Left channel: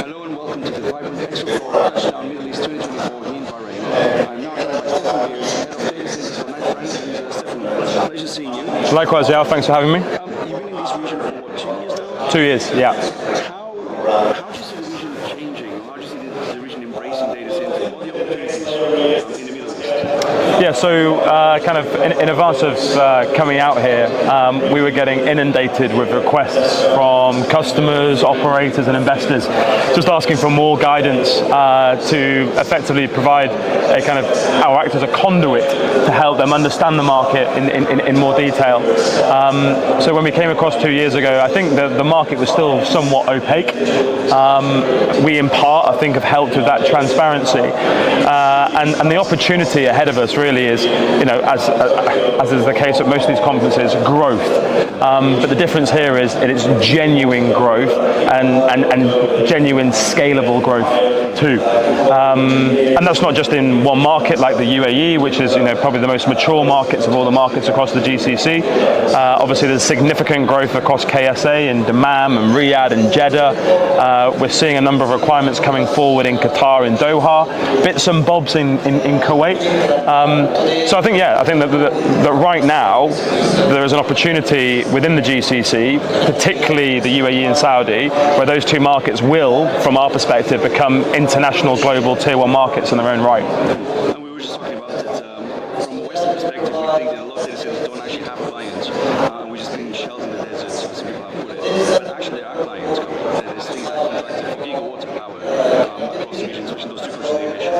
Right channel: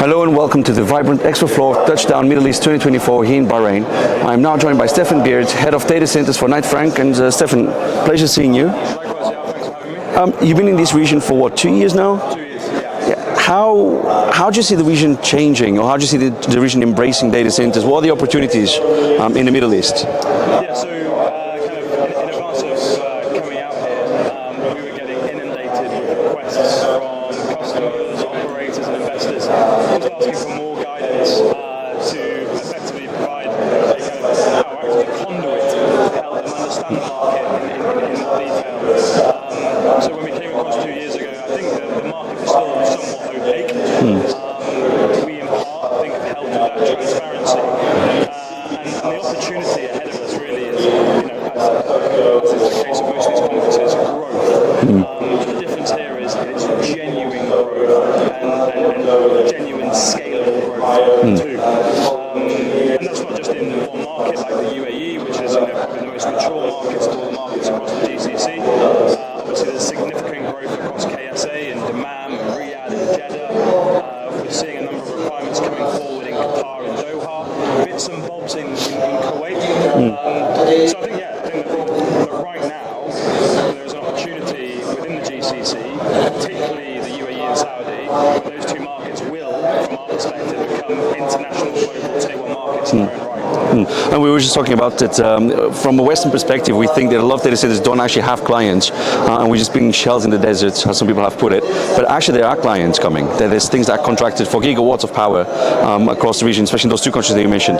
Hello and welcome to the vibrant Expo Floor Touchdown Middle East 2024 here in Bahrain. I'm now joined by Stefan Beard, Head of Data Centers for Knight Frank. And Stefan, pleasure seeing you. Likewise, yeah, thanks for having me. You've been in this region for what, 2 years now? 2 years, yeah. How do you see the region changing, or how do you see the region embracing data centers? What are the opportunities in the Middle East? Yeah, so kind of in advance of coming out here, we were getting inundated with requests from customers, operators and investors, just asking for more guidance to effectively provide a kind of, or act as a conduit to help them understand the market in more detail. So when we came across 2 years ago, I think the market was still somewhat opaque. We in part, I think, have helped with that transparency. And the opportunity ahead of us really is, you know, as is the case at most of these conferences, growth. But the difference here is it's genuine growth and genuine scalable growth too. And that's not just in one market like the UAE, which is, you know, probably the most mature markets of all the markets across the GCC. Obviously there's significant growth across KSA and Dammam and Riyadh and Jeddah. We're seeing a number of requirements coming forward in Qatar and Doha, bits and bobs in Kuwait. So I think that right now there is an opportunity within the GCC, particularly the UAE and Saudi, where those two markets will, from our perspective, become international global tier 1 markets in their own right. And we were just talking about that from a Western perspective, we think that a lot of data centers don't actually have clients, and we're just being shells in the desert, as some people have put it. But actually there are clients coming. There's things that are contracted for gigawatts of power across the region, especially in those two countries that you mentioned.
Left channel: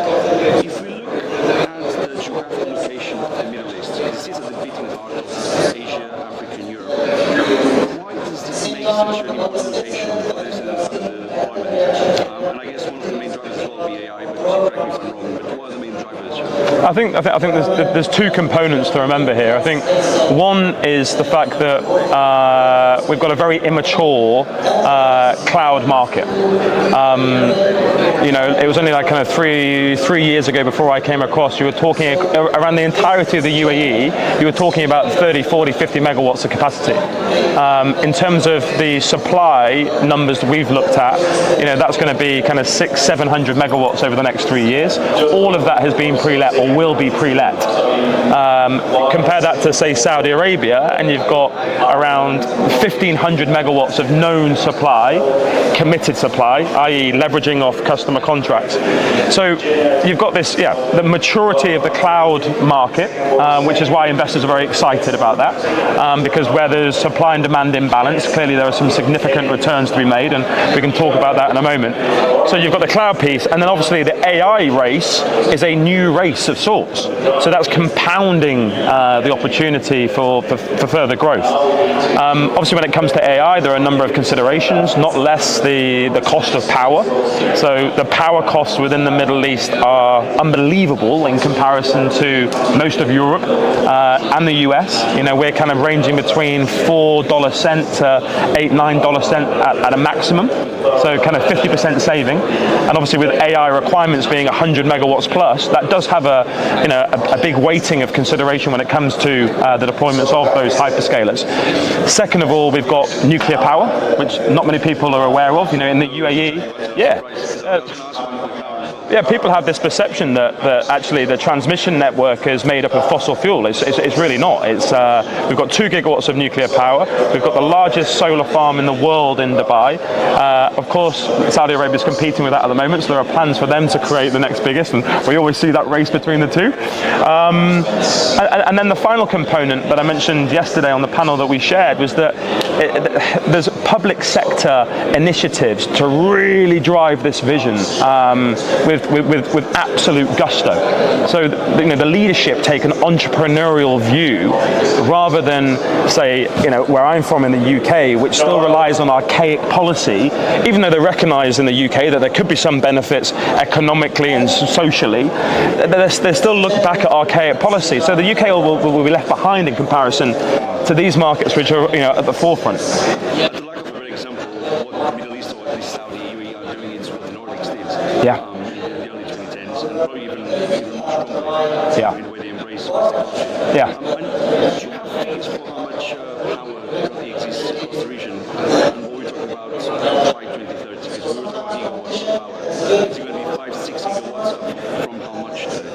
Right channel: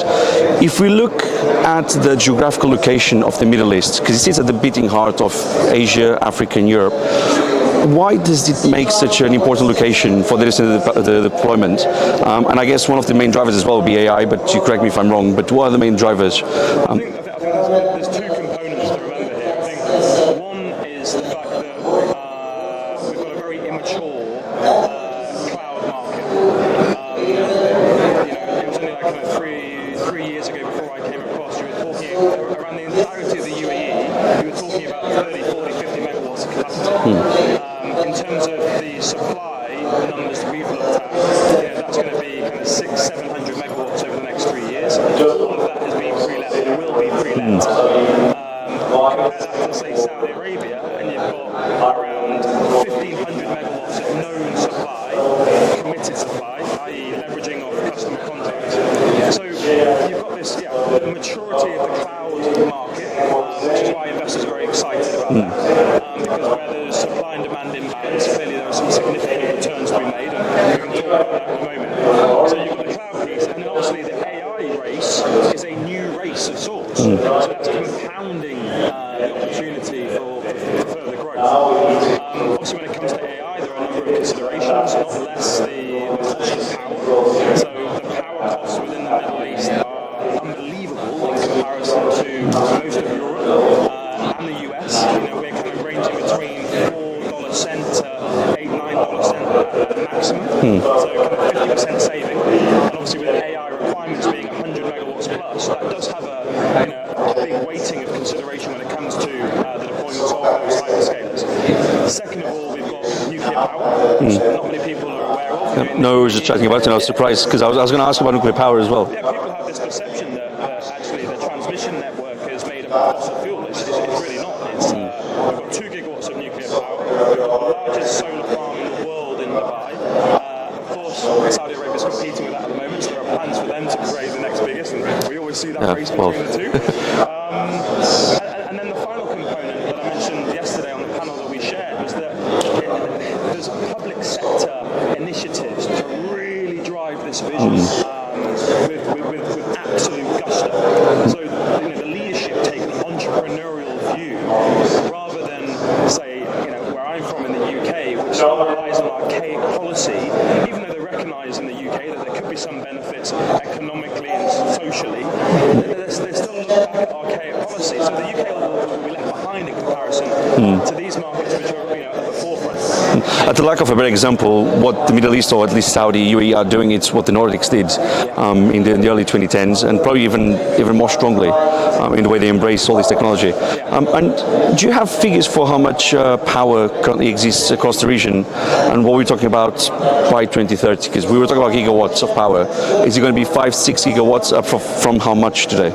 If we look at the geographical location of the Middle East, because it sits at the beating heart of Asia, Africa and Europe, why does it make such an important location for the deployment? And I guess one of the main drivers as well will be AI, but you correct me if I'm wrong, but what are the main drivers? I think there's two components to remember here. I think one is the fact that we've got a very immature cloud market. You know, it was only like kind of three years ago before I came across, you were talking around the entirety of the UAE, you were talking about 30, 40, 50 megawatts of capacity. In terms of the supply numbers that we've looked at, you know, that's going to be kind of 600-700 megawatts over the next 3 years. All of that has been pre-let or will be pre-let. Compare that to, say, Saudi Arabia, and you've got around 1,500 megawatts of known supply, committed supply, i.e. leveraging off customer contracts. So you've got this, the maturity of the cloud market, which is why investors are very excited about that, because where there's supply and demand imbalance, clearly there are some significant returns to be made, and we can talk about that in a moment. So you've got the cloud piece, and then obviously the AI race is a new race of sorts. So that's compounding the opportunity for further growth. Obviously when it comes to AI, there are a number of considerations, not less the cost of power. So the power costs within the Middle East are unbelievable in comparison to most of Europe and the US. You know, we're kind of ranging between $4 cent to $8-9 cent at a maximum. So kind of 50% saving. And obviously with AI requirements being 100 megawatts plus, that does have a big weighting of consideration when it comes to the deployments of those hyperscalers. Second of all, we've got nuclear power, which not many people are aware of. You know, in the UAE. I was talking about it, and I was surprised because I was going to ask about nuclear power as well. Yeah, people have this perception that actually the transmission network is made up of fossil fuel. It's really not. We've got 2 gigawatts of nuclear power. We've got the largest solar farm in the world in Dubai. Of course, Saudi Arabia is competing with that at the moment, so there are plans for them to create the next biggest, and we always see that race between the two. And then the final component that I mentioned yesterday on the panel that we shared was that there's public sector initiatives to really drive this vision with absolute gusto. So you know, the leadership take an entrepreneurial view rather than, say, you know, where I'm from in the UK, which still relies on archaic policy, even though they recognise in the UK that there could be some benefits economically and socially, they still look back at archaic policy. So the UK will be left behind in comparison to these markets, which are, you know, at the forefront. At the lack of a better example, what the Middle East, or at least Saudi, UAE are doing, it's what the Nordics did in the early 2010s, and probably even more strongly. in the way they embrace all this technology. Yeah. And do you have figures for how much power currently exists across the region, and what we're talking about by 2030? Because we were talking about gigawatts of power. Is it going to be 5-6 gigawatts up from how much today?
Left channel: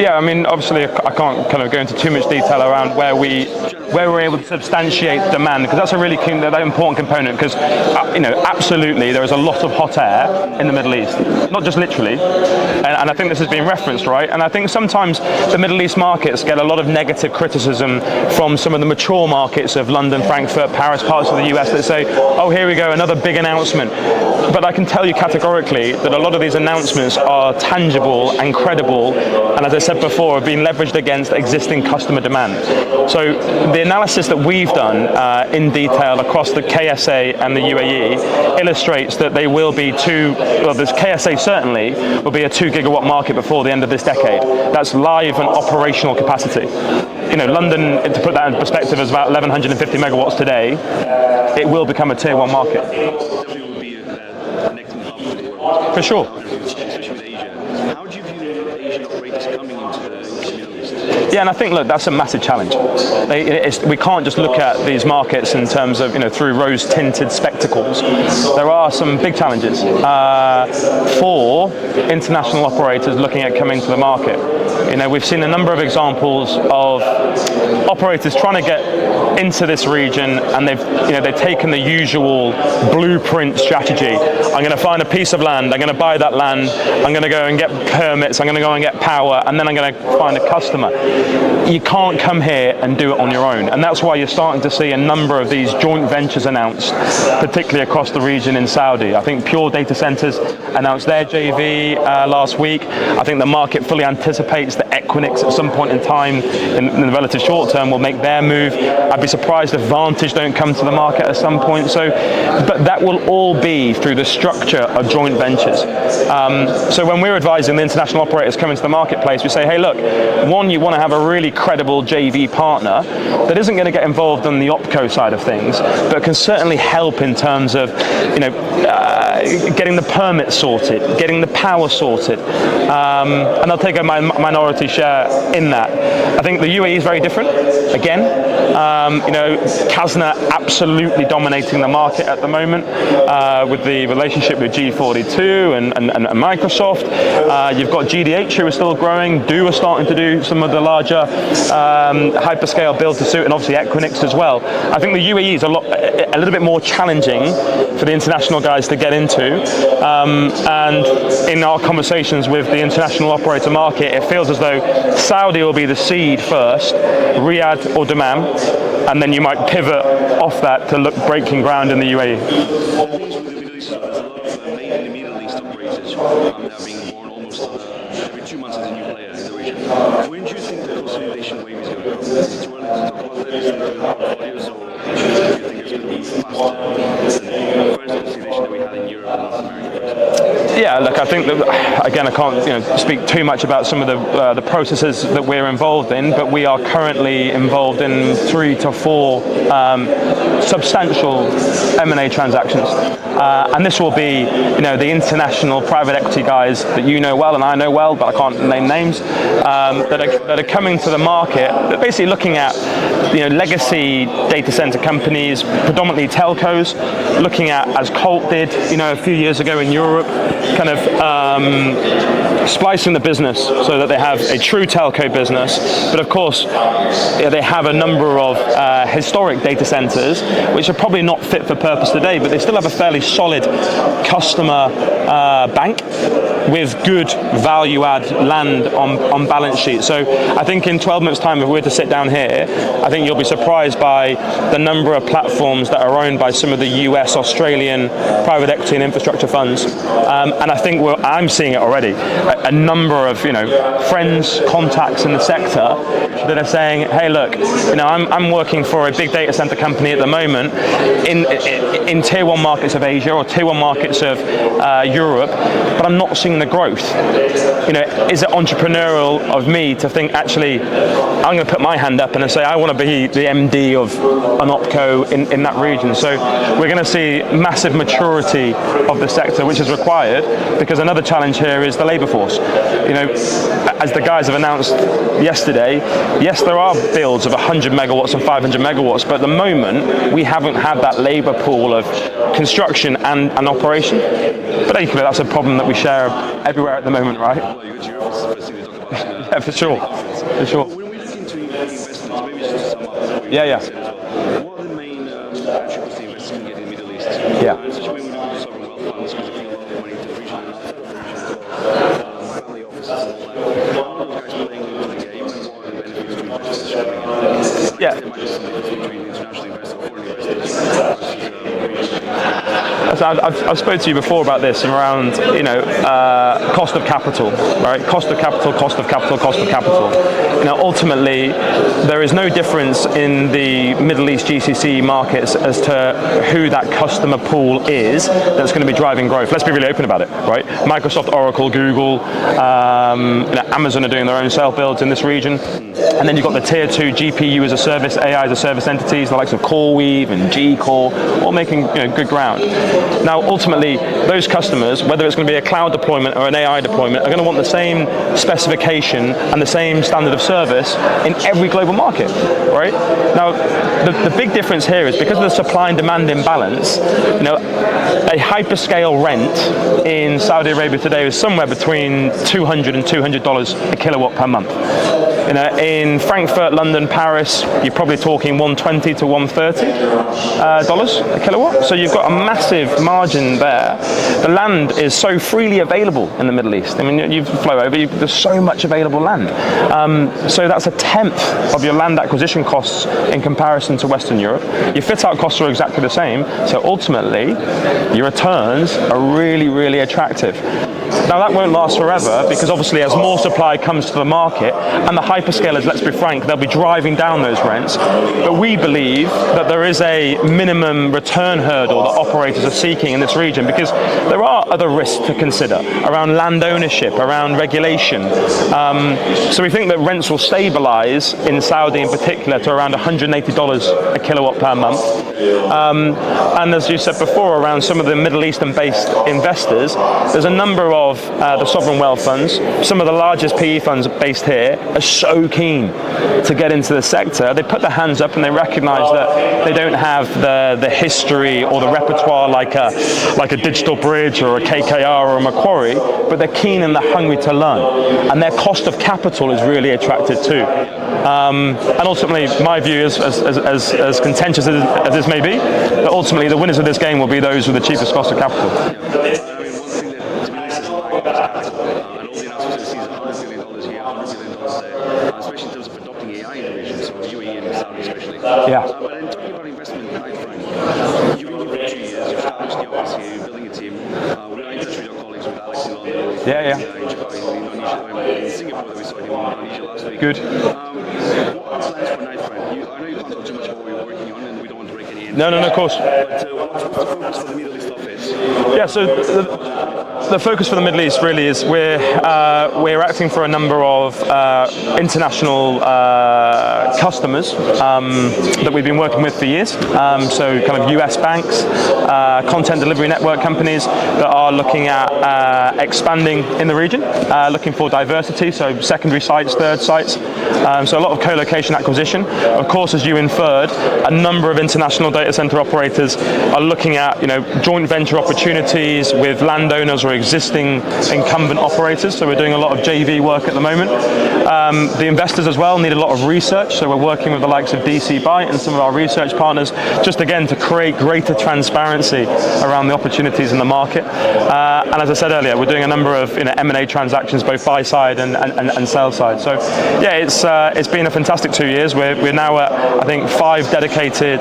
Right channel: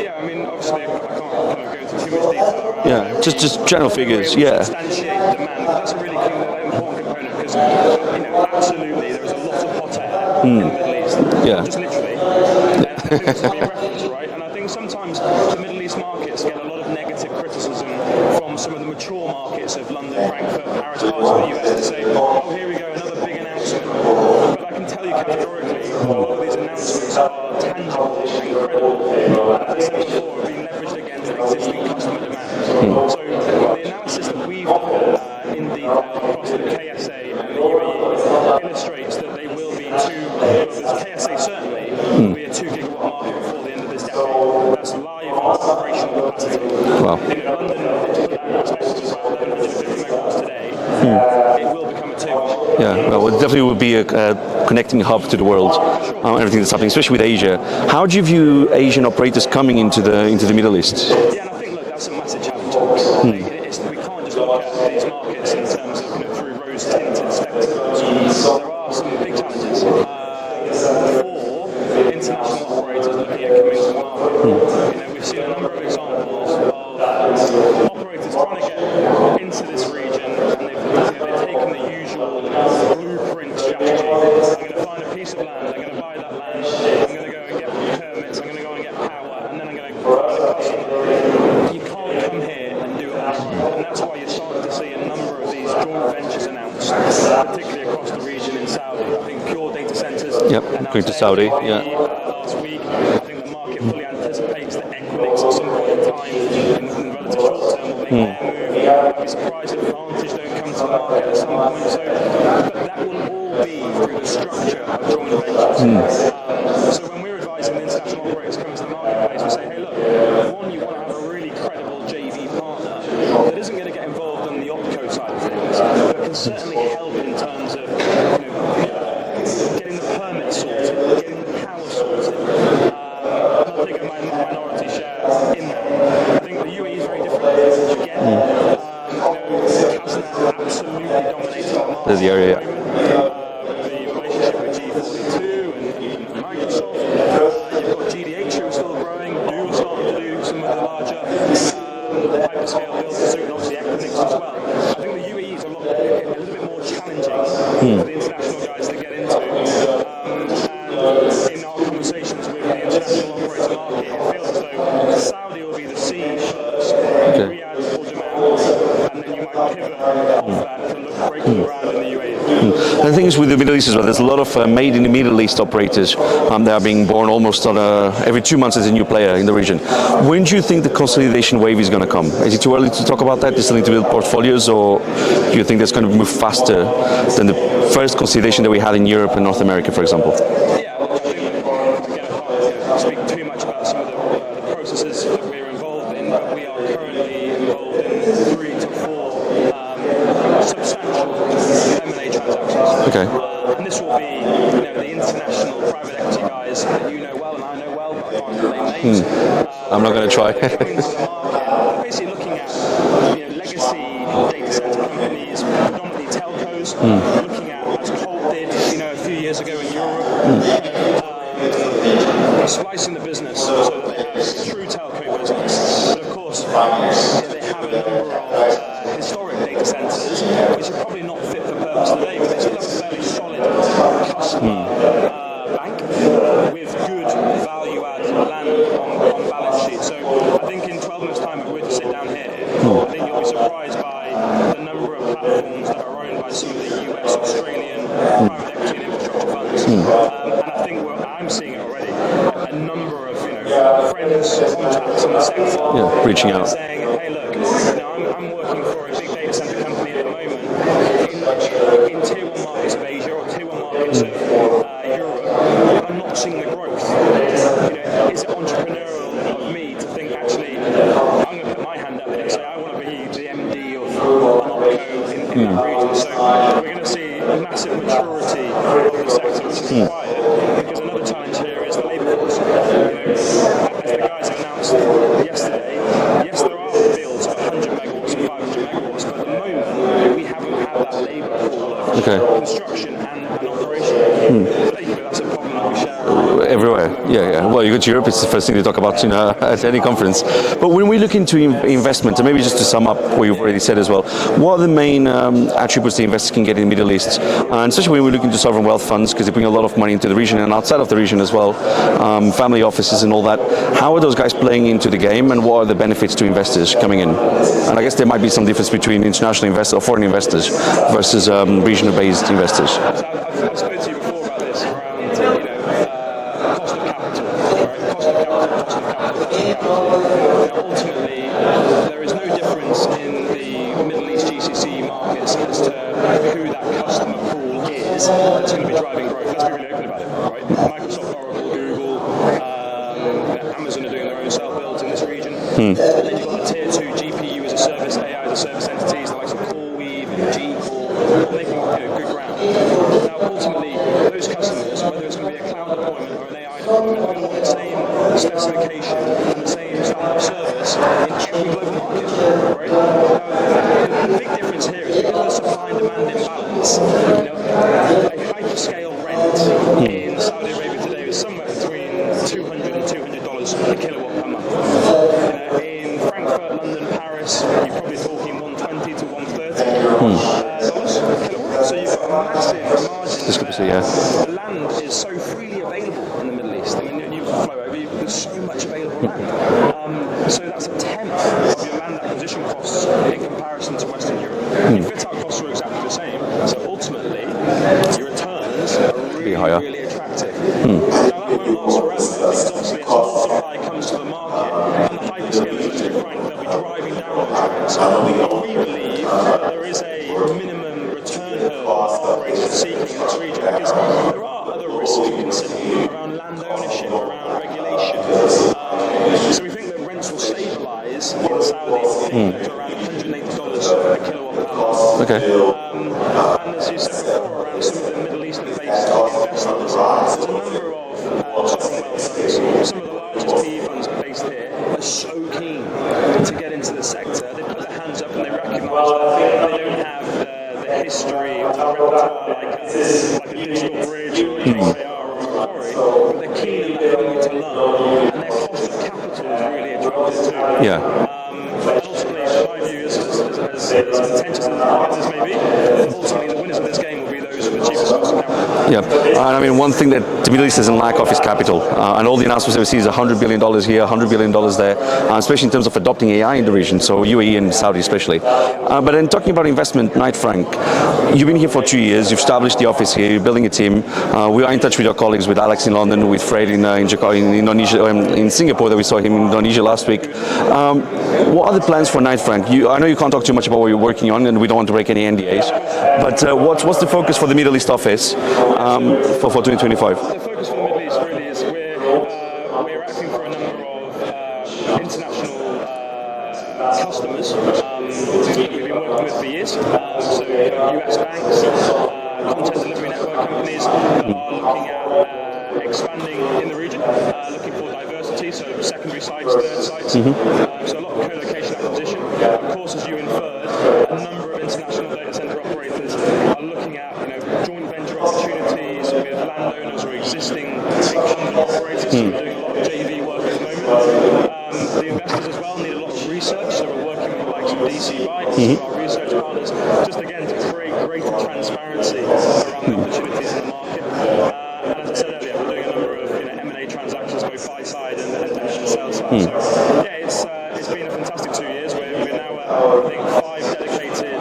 Yeah, I mean, obviously, I can't kind of go into too much detail around where we're able to substantiate demand, because that's a really that important component. Because absolutely, there is a lot of hot air in the Middle East, not just literally. And I think this has been referenced, right? And I think sometimes the Middle East markets get a lot of negative criticism from some of the mature markets of London, Frankfurt, Paris, parts of the US that say, oh, here we go, another big announcement. But I can tell you categorically that a lot of these announcements are tangible and credible, and as I said before, have been leveraged against existing customer demand. So the analysis that we've done in detail across the KSA and the UAE illustrates that they will be this KSA certainly will be a 2 gigawatt market before the end of this decade. That's live and operational capacity. Wow. London, to put that in perspective, is about 1,150 megawatts today. It will become a tier 1 market. Yeah, well, it definitely will be a connecting hub to the world. For sure. Everything that's happening, especially with Asia. How do you view Asian operators coming into the Middle East? Yeah, and I think, look, that's a massive challenge. We can't just look at these markets in terms of, through rose-tinted spectacles. There are some big challenges for international operators looking at coming to the market. We've seen a number of examples of operators trying to get into this region, and they've taken the usual blueprint strategy. I'm going to find a piece of land, I'm going to buy that land, I'm going to go and get permits, I'm going to go and get power, and then I'm going to find a customer. You can't come here and do it on your own, and that's why you're starting to see a number of these joint ventures announced, particularly across the region in Saudi. I think Pure Data Centers announced their JV last week. I think the market fully anticipates that Equinix at some point in time, in the relative short term, will make their move. I'd be surprised if Vantage don't come to the market at some point. But that will all be through the structure of joint ventures. So when we're advising the international operators coming to the marketplace, we say, hey, look, one, you want to have a really credible JV partner that isn't going to get involved on the OpCo side of things, but can certainly help in terms of, getting the permits sorted, getting the power sorted, and they'll take a minority share in that. I think the UAE is very different. Again, Kazna absolutely dominating the market at the moment with the relationship with G42 and Microsoft. You've got GDH who are still growing. Do are starting to do some of the larger hyperscale build to suit, and obviously Equinix as well. I think the UAE is a little bit more challenging for the international guys to get into. And in our conversations with the international operator market, it feels as though Saudi will be the seed first, Riyadh or Dammam, and then you might pivot off that to look breaking ground in the UAE. The thing is with the Middle East as well, there's a lot of made in the Middle East operators that are being born almost on every 2 months. There's a new player in the region. When do you think the consolidation wave is going to come? Is it too early to talk about that? Do you still need to build portfolios, or do you think that's going to move faster than the first consolidation that we had in Europe and North America, for example? Yeah, look, I think that, again, I can't speak too much about some of the processes that we're involved in, but we are currently involved in 3 to 4 substantial M&A transactions. Okay. And this will be, the international private equity guys that you know well and I know well, but I can't name names. I'm not going to try. That are coming to the market, basically looking at, legacy data center companies, predominantly telcos, looking at, as Colt did, a few years ago in Europe, kind of splicing the business so that they have a true telco business. But of course, they have a number of historic data centers which are probably not fit for purpose today, but they still have a fairly solid customer bank with good value add land on balance sheet. So I think in 12 months time, if we were to sit down here, I think you'll be surprised by the number of platforms that are owned by some of the US, Australian private equity and infrastructure funds. And I think I'm seeing it already. A number of friends, contacts in the sector that are saying, hey, look, I'm working for for a big data center company at the moment in tier one markets of Asia or tier one markets of Europe, but I'm not seeing the growth. Is it entrepreneurial of me to think, actually, I'm going to put my hand up and say I want to be the MD of an opco in that region. So we're going to see massive maturity of the sector, which is required, because another challenge here is the labour force. As the guys have announced yesterday, yes, there are builds of 100 megawatts and 500 megawatts, but at the moment we haven't had that labour pool of construction and operation. But equally, that's a problem that we share everywhere at the moment. Yeah, right? yeah. Well, you go to Europe, it's the first thing they talk about at any conference. Sure. But when we look into investment, and maybe just to sum up what you've already said as well, what are the main attributes the investors can get in the Middle East? And especially when we look into sovereign wealth funds, because they bring a lot of money into the region and outside of the region as well, family offices and all that. How are those guys playing into the game, and what are the benefits to investors coming in? And I guess there might be some difference between international investors or foreign investors versus regional-based investors. So I've spoken to you before about this around, cost of capital, right? Cost of capital, cost of capital, cost of capital. Now, ultimately, there is no difference in the Middle East GCC markets as to who that customer pool is that's going to be driving growth. Let's be really open about it, right? Microsoft, Oracle, Google, Amazon are doing their own self-builds in this region. And then you've got the tier 2 GPU as a service, AI as a service entities, the likes of CoreWeave and G-Core, all making good ground. Now, ultimately, those customers, whether it's going to be a cloud deployment or an AI deployment, are going to want the same specification and the same standard of service in every global market, right? Now, the big difference here is because of the supply and demand imbalance, a hyperscale rent in Saudi Arabia today is somewhere between $200 and $200 a kilowatt per month. In Frankfurt, London, Paris, you're probably talking $120 to $130 dollars a kilowatt. So you've got a massive margin there. The land is so freely available in the Middle East. I mean, you flow over, there's so much available land. So that's a tenth of your land acquisition costs in comparison to Western Europe. Your fit-out costs are exactly the same. So ultimately, your returns are really, really attractive. Now, that won't last forever, because obviously as more supply comes to the market, and the hyperscalers, let's be frank, they'll be driving down those rents. But we believe that there is a minimum return hurdle that operators are seeking in this region, because there are other risks to consider around land ownership, around regulation. So we think that rents will stabilize in Saudi in particular to around $180 a kilowatt per month. And as you said before, around some of the Middle Eastern-based investors, there's a number of the sovereign wealth funds, some of the largest PE funds based here, are so keen to get into the sector. They put their hands up and they recognize that they don't have the history or the repertoire like a Digital Bridge or a KKR or a Macquarie, but they're keen and they're hungry to learn. And their cost of capital is really attractive too. And ultimately, my view is, as contentious as this may be, that ultimately the winners of this game will be those with the cheapest cost of capital. And I mean, one thing that the Middle East doesn't lack of is capital. And all the announcements that we see is $100 billion here, $100 billion there, especially in terms of adopting AI in the region, so UAE and Saudi especially. But then talking about investment, Knight Frank, you've been here for 2 years, you've established the office here, you're building a team. We are in touch with your colleagues, with Alex in London, with Fred in Jakarta, in Indonesia, in Singapore, that we saw him in Indonesia last week. What are the plans for Knight Frank? I know you can't talk too much about what you're working on, and we don't want to break any NDAs. No, of course. But what's the focus for the Middle East office for 2025? The focus for the Middle East really is we're acting for a number of international customers that we've been working with for years. So kind of US banks, content delivery network companies that are looking at expanding in the region, looking for diversity, so secondary sites, third sites. So a lot of co-location acquisition. Of course, as you inferred, a number of international data center operators are looking at joint venture opportunities with landowners or existing incumbent operators. So we're doing a lot of JV work at the moment. The investors as well need a lot of research, so we're working with the likes of DC Byte and some of our research partners, just again to create greater transparency around the opportunities in the market. And as I said earlier, we're doing a number of M&A transactions, both buy side and sell side. So yeah, it's been a fantastic 2 years. We're now at, I think, 5 dedicated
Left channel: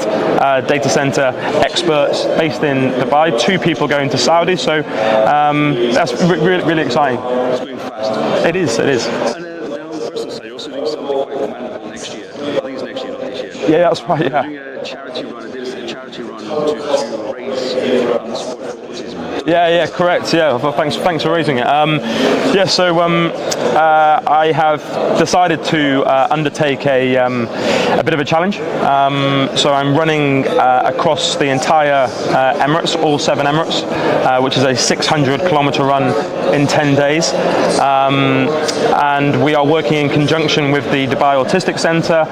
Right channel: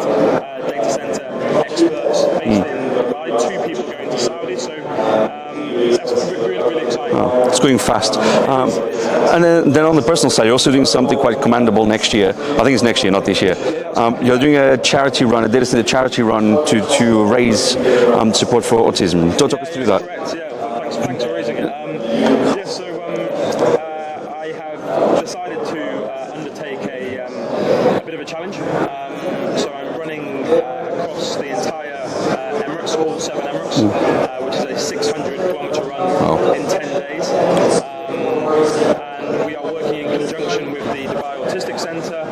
data center experts based in Dubai, 2 people going to Saudi. So that's really exciting. It's going fast. It is. And then on the personal side, you're also doing something quite commendable next year. I think it's next year, not this year. here. Yeah, that's right. You're doing a charity run, a data center charity run to raise support for autism. Yeah, correct. Yeah, well, thanks for raising it. I have decided to undertake a bit of a challenge. So I'm running across the entire Emirates, all 7 Emirates, which is a 600-kilometer run in 10 days. And we are working in conjunction with the Dubai Autistic Centre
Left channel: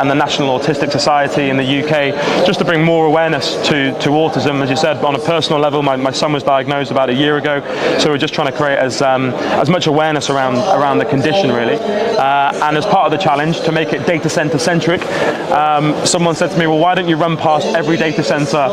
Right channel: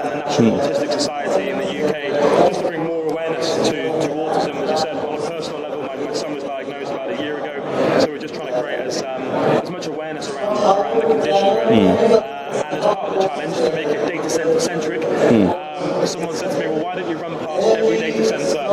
and the National Autistic Society in the UK, just to bring more awareness to autism. As you said, on a personal level, my son was diagnosed about a year ago, so we're just trying to create as much awareness around the condition, really. And as part of the challenge, to make it data center centric, someone said to me, well, why don't you run past every data center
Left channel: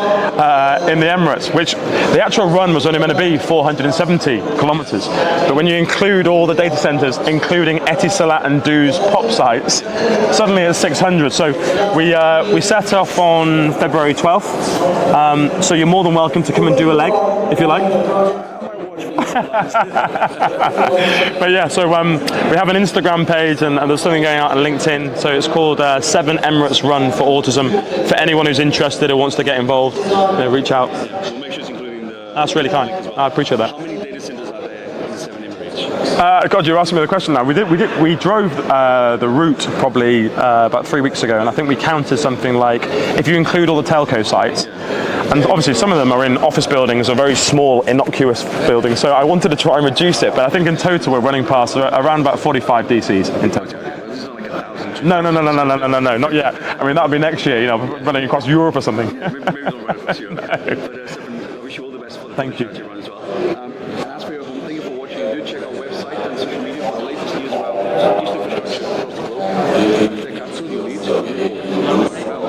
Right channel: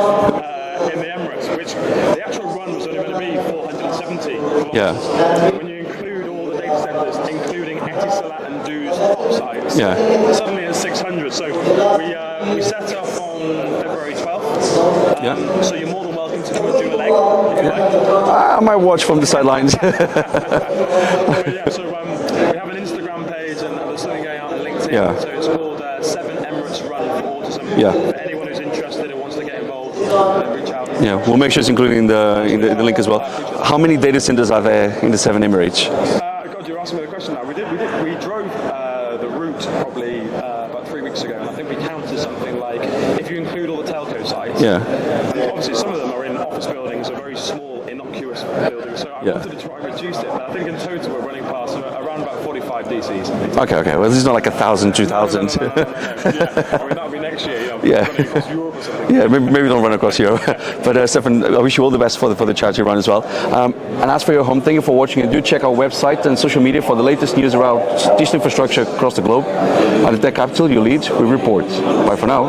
in the Emirates, which the actual run was only meant to be 470 kilometers. But when you include all the data centers, including Etisalat and Du's pop sites, suddenly it's 600. So we set off on February 12th. So you're more than welcome to come and do a leg, if you like. I might watch from the sidelines. But yeah, so we have an Instagram page and there's something going out on LinkedIn. So it's called 7 Emirates Run for Autism. For anyone who's interested or wants to get involved, reach out. Yeah, we'll make sure it's included in the link as well. I appreciate that. How many data centers are there in the 7 Emirates? God, you're asking me the question now. We drove the route probably about 3 weeks ago, and I think we counted something like, if you include all the telco sites, and obviously some of them are in office buildings or very small, innocuous buildings, so I wanted to try and reduce it, but I think in total we're running past around about 45 DCs. Okay, well this is not like 1,000, 2,000. No, not yet. I mean, that'll be next year, running across Europe or something. Yeah, maybe don't run across Europe. But Stefan, I wish you all the best for the charity run as well. And as for your home, thank you for watching, and do check our website and social media for the latest news around digital infrastructure across the globe. At the Tech Capital, you lead, we report. Bye for now.